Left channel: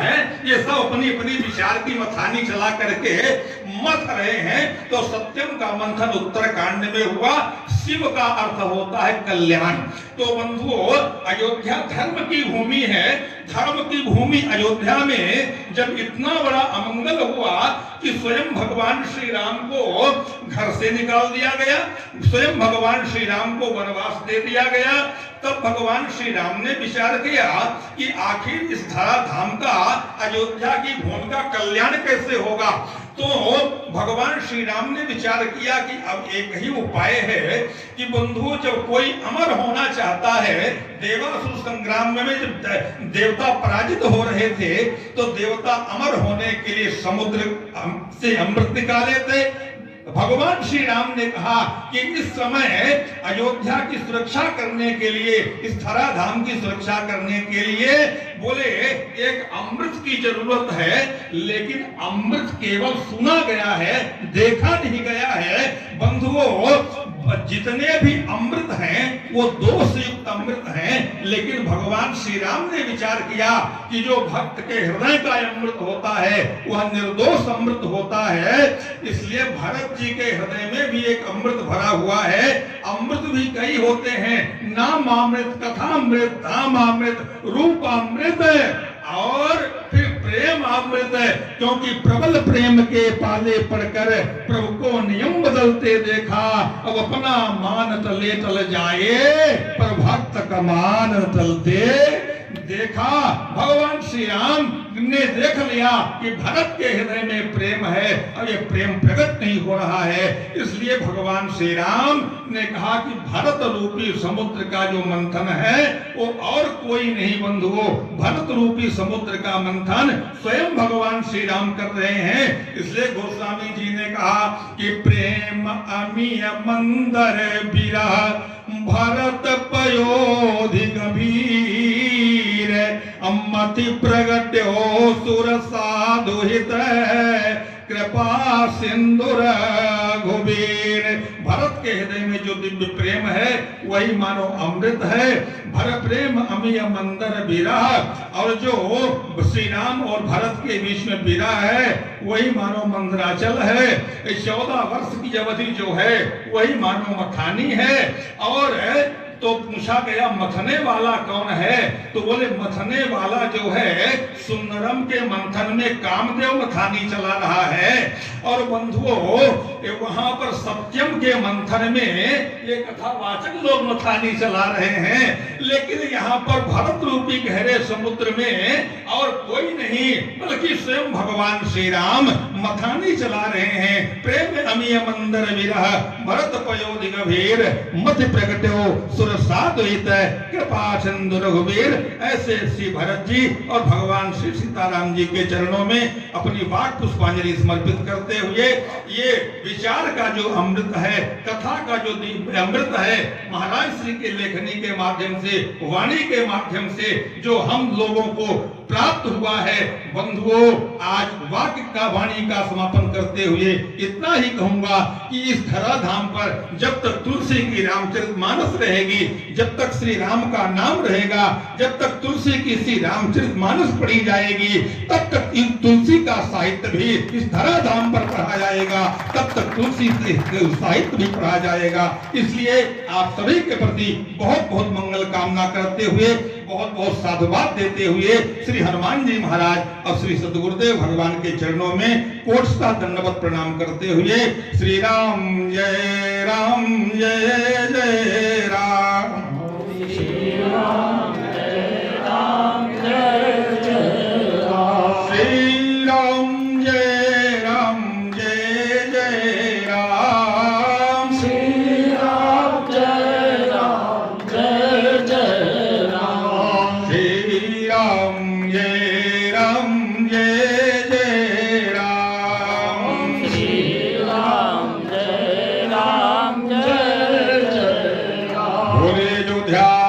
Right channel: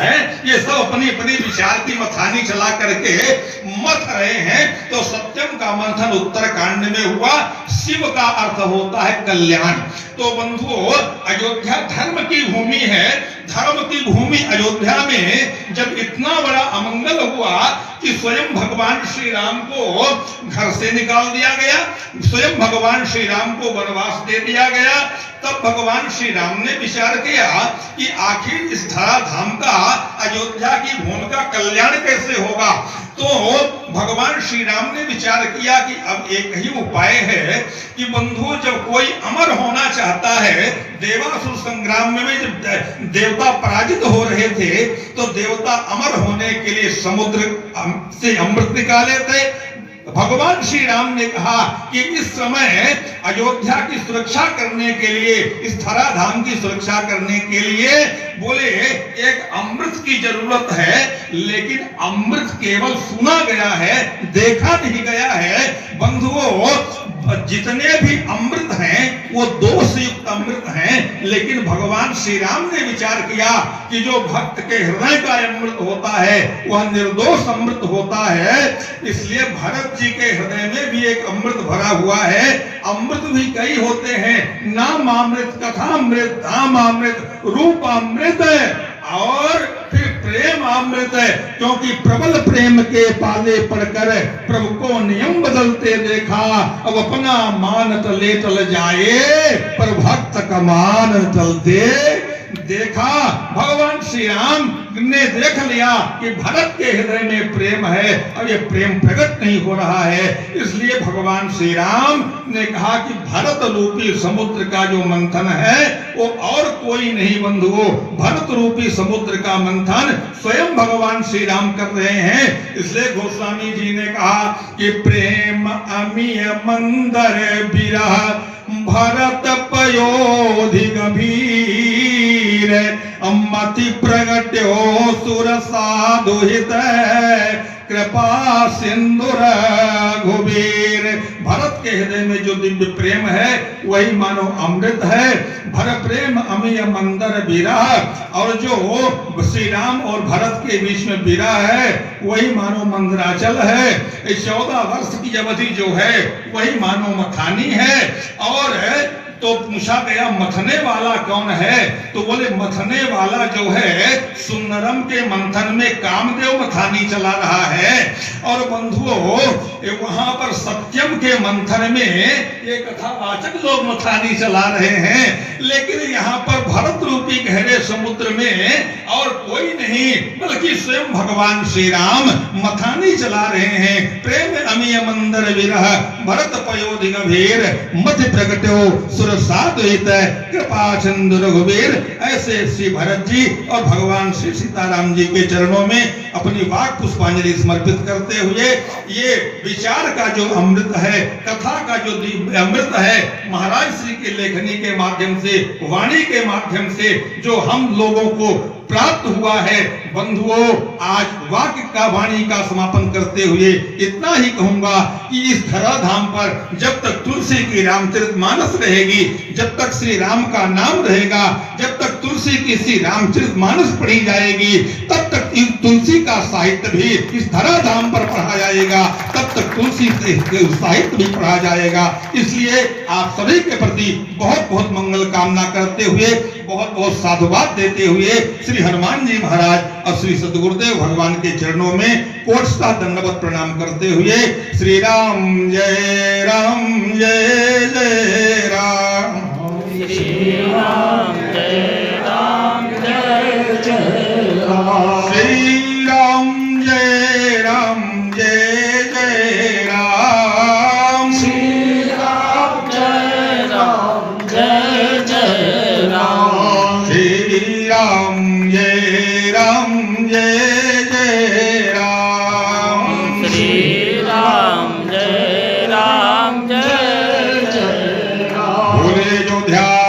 है, ये सब अपनी अपनी विचार की मथानी चला करके मथ रहे हैं। तो सत्यम का मंथन उत्तरकांड में हुआ। शिव का अर्थ होता है कल्याण। तो बंधुओं, अयोध्या धर्म की भूमि है। धर्म की भूमि अयोध्या में जब इतना बड़ा अमंगल हुआ कि स्वयं भगवान श्री राम को घर से निकाल दिया गया, स्वयं भगवान श्री राम को वनवास दे दिया गया, तब भगवान श्री राम ने विचार किया कि आखिर इस धरा धाम का, अयोध्या की भूमि का कल्याण कैसे होगा। तो भगवान श्री राम ने विचार किया कि अब एक ही उपाय है कि बंधु, जब कोई अमर होना चाहता है, देवासुर संग्राम में जब देवता पराजित हो रहे थे तो देवता अमर होने के लिए समुद्र से अमृत निकाले थे। भगवान श्री राम ने कहा कि इस समय अयोध्या की सुरक्षा करने के लिए, इस धरा धाम की सुरक्षा करने के लिए बोले एक अमृत की जरूरत है। लेकिन अमृत केवल सुना गया है, देखा नहीं गया है। बंधुओं, जितने भी अमृत हैं वो दोष युक्त अमृत हैं, लेकिन भगवान श्री राम ने विचार किया कि जो भक्त के हृदय का अमृत होता है वह निर्दोष अमृत होता है। इसलिए भरत जी के हृदय में भी एक अमृत भरा हुआ है। अमृत भी कई होते हैं, नाम अमृत, कथामृत, धाम अमृत, रूप अमृत और फिर प्रेम अमृत है। क्योंकि प्रबल प्रेम के पाले पड़कर प्रभु को नियम बदलते देखा, अब अपना मान तले तल जाए पर भक्त का मान तलते देखा। भगवान श्री राम ने देख लिया कि भरत के हृदय में प्रेम है और ये प्रेम प्रकट नहीं हो रहा है। इसलिए भगवान श्री राम ने कहा कि भरत रूपी समुद्र का जो मंथन है वो और कोई नहीं बंधुओं, भरत रूपी समुद्र का मंथन स्वयं भगवान श्री राम कर रहे हैं। इसलिए गोस्वामी जी ने कहा कि प्रेम अमीय मंदर विरह भरत पयोधि गंभीर अमति प्रगट्यो सुर साधु हित कृपा सिंधुर घुबीर। भरत के हृदय में जो दिव्य प्रेम है वही मानो अमृत है। भर प्रेम अमीय मंदर विरह, और जो श्री राम और भरत के बीच में विरह है वही मानो मंदराचल है। 14 वर्ष की अवधि जो है वही मानो मथानी है। और तो पूछा गया मथने वाला कौन है, तो बोले मथने वाला जो है सुंदरम के मंथन में कामदेव मथानी चला रहा है। और बंधुओं, वहां पर सत्यम के मंथन में ये कथावाचक लोग मथानी चला रहे हैं, लेकिन यहाँ पर भरत रूपी गहरे समुद्र में और कोई नहीं बल्कि स्वयं भगवान श्री राम मथानी चला रहे हैं। प्रेम अमीय मंदर विरह भरत पयोधि गंभीर मति प्रगट्यो साधुहित कृपा सिंधु रघुवीर। ऐसे श्री भरत जी और भगवान श्री सीताराम जी के चरणों में अपनी वाक पुष्पांजलि समर्पित करते हुए ये विचार का जो अमृत है, कथा का जो अमृत है, महाराज श्री के लेखनी के माध्यम से, वाणी के माध्यम से जो हम लोगों को प्राप्त हुआ है। बंधुओं, आज वाक्य का वाणी का समापन करते हुए इतना ही कहूंगा कि इस धरा धाम पर जब तक तुलसी की रामचरितमानस रहेगी, जब तक श्री राम का नाम रहेगा, जब तक तुलसी की श्री रामचरितमानस पढ़ी जाएगी, तब तक इस तुलसी का साहित्य भी इस धरा धाम पर पढ़ा जाएगा, तब तक तुलसी साहित्य भी पढ़ा जाएगा। इसलिए आप सभी के प्रति बहुत बहुत मंगल कामना करते हुए, बहुत बहुत साधुवाद देते हुए श्री हनुमान जी महाराज और श्री सद्गुरुदेव भगवान के चरणों में कोटसा दंडवत प्रणाम करते हुए श्री राम जय राम जय जय राम, श्री राम जय राम जय जय राम, श्री राम जय राम जय जय राम, श्री राम जय राम जय जय राम, श्री राम जय राम जय जय राम, श्री राम जय राम जय जय राम। बोले जो ध्यान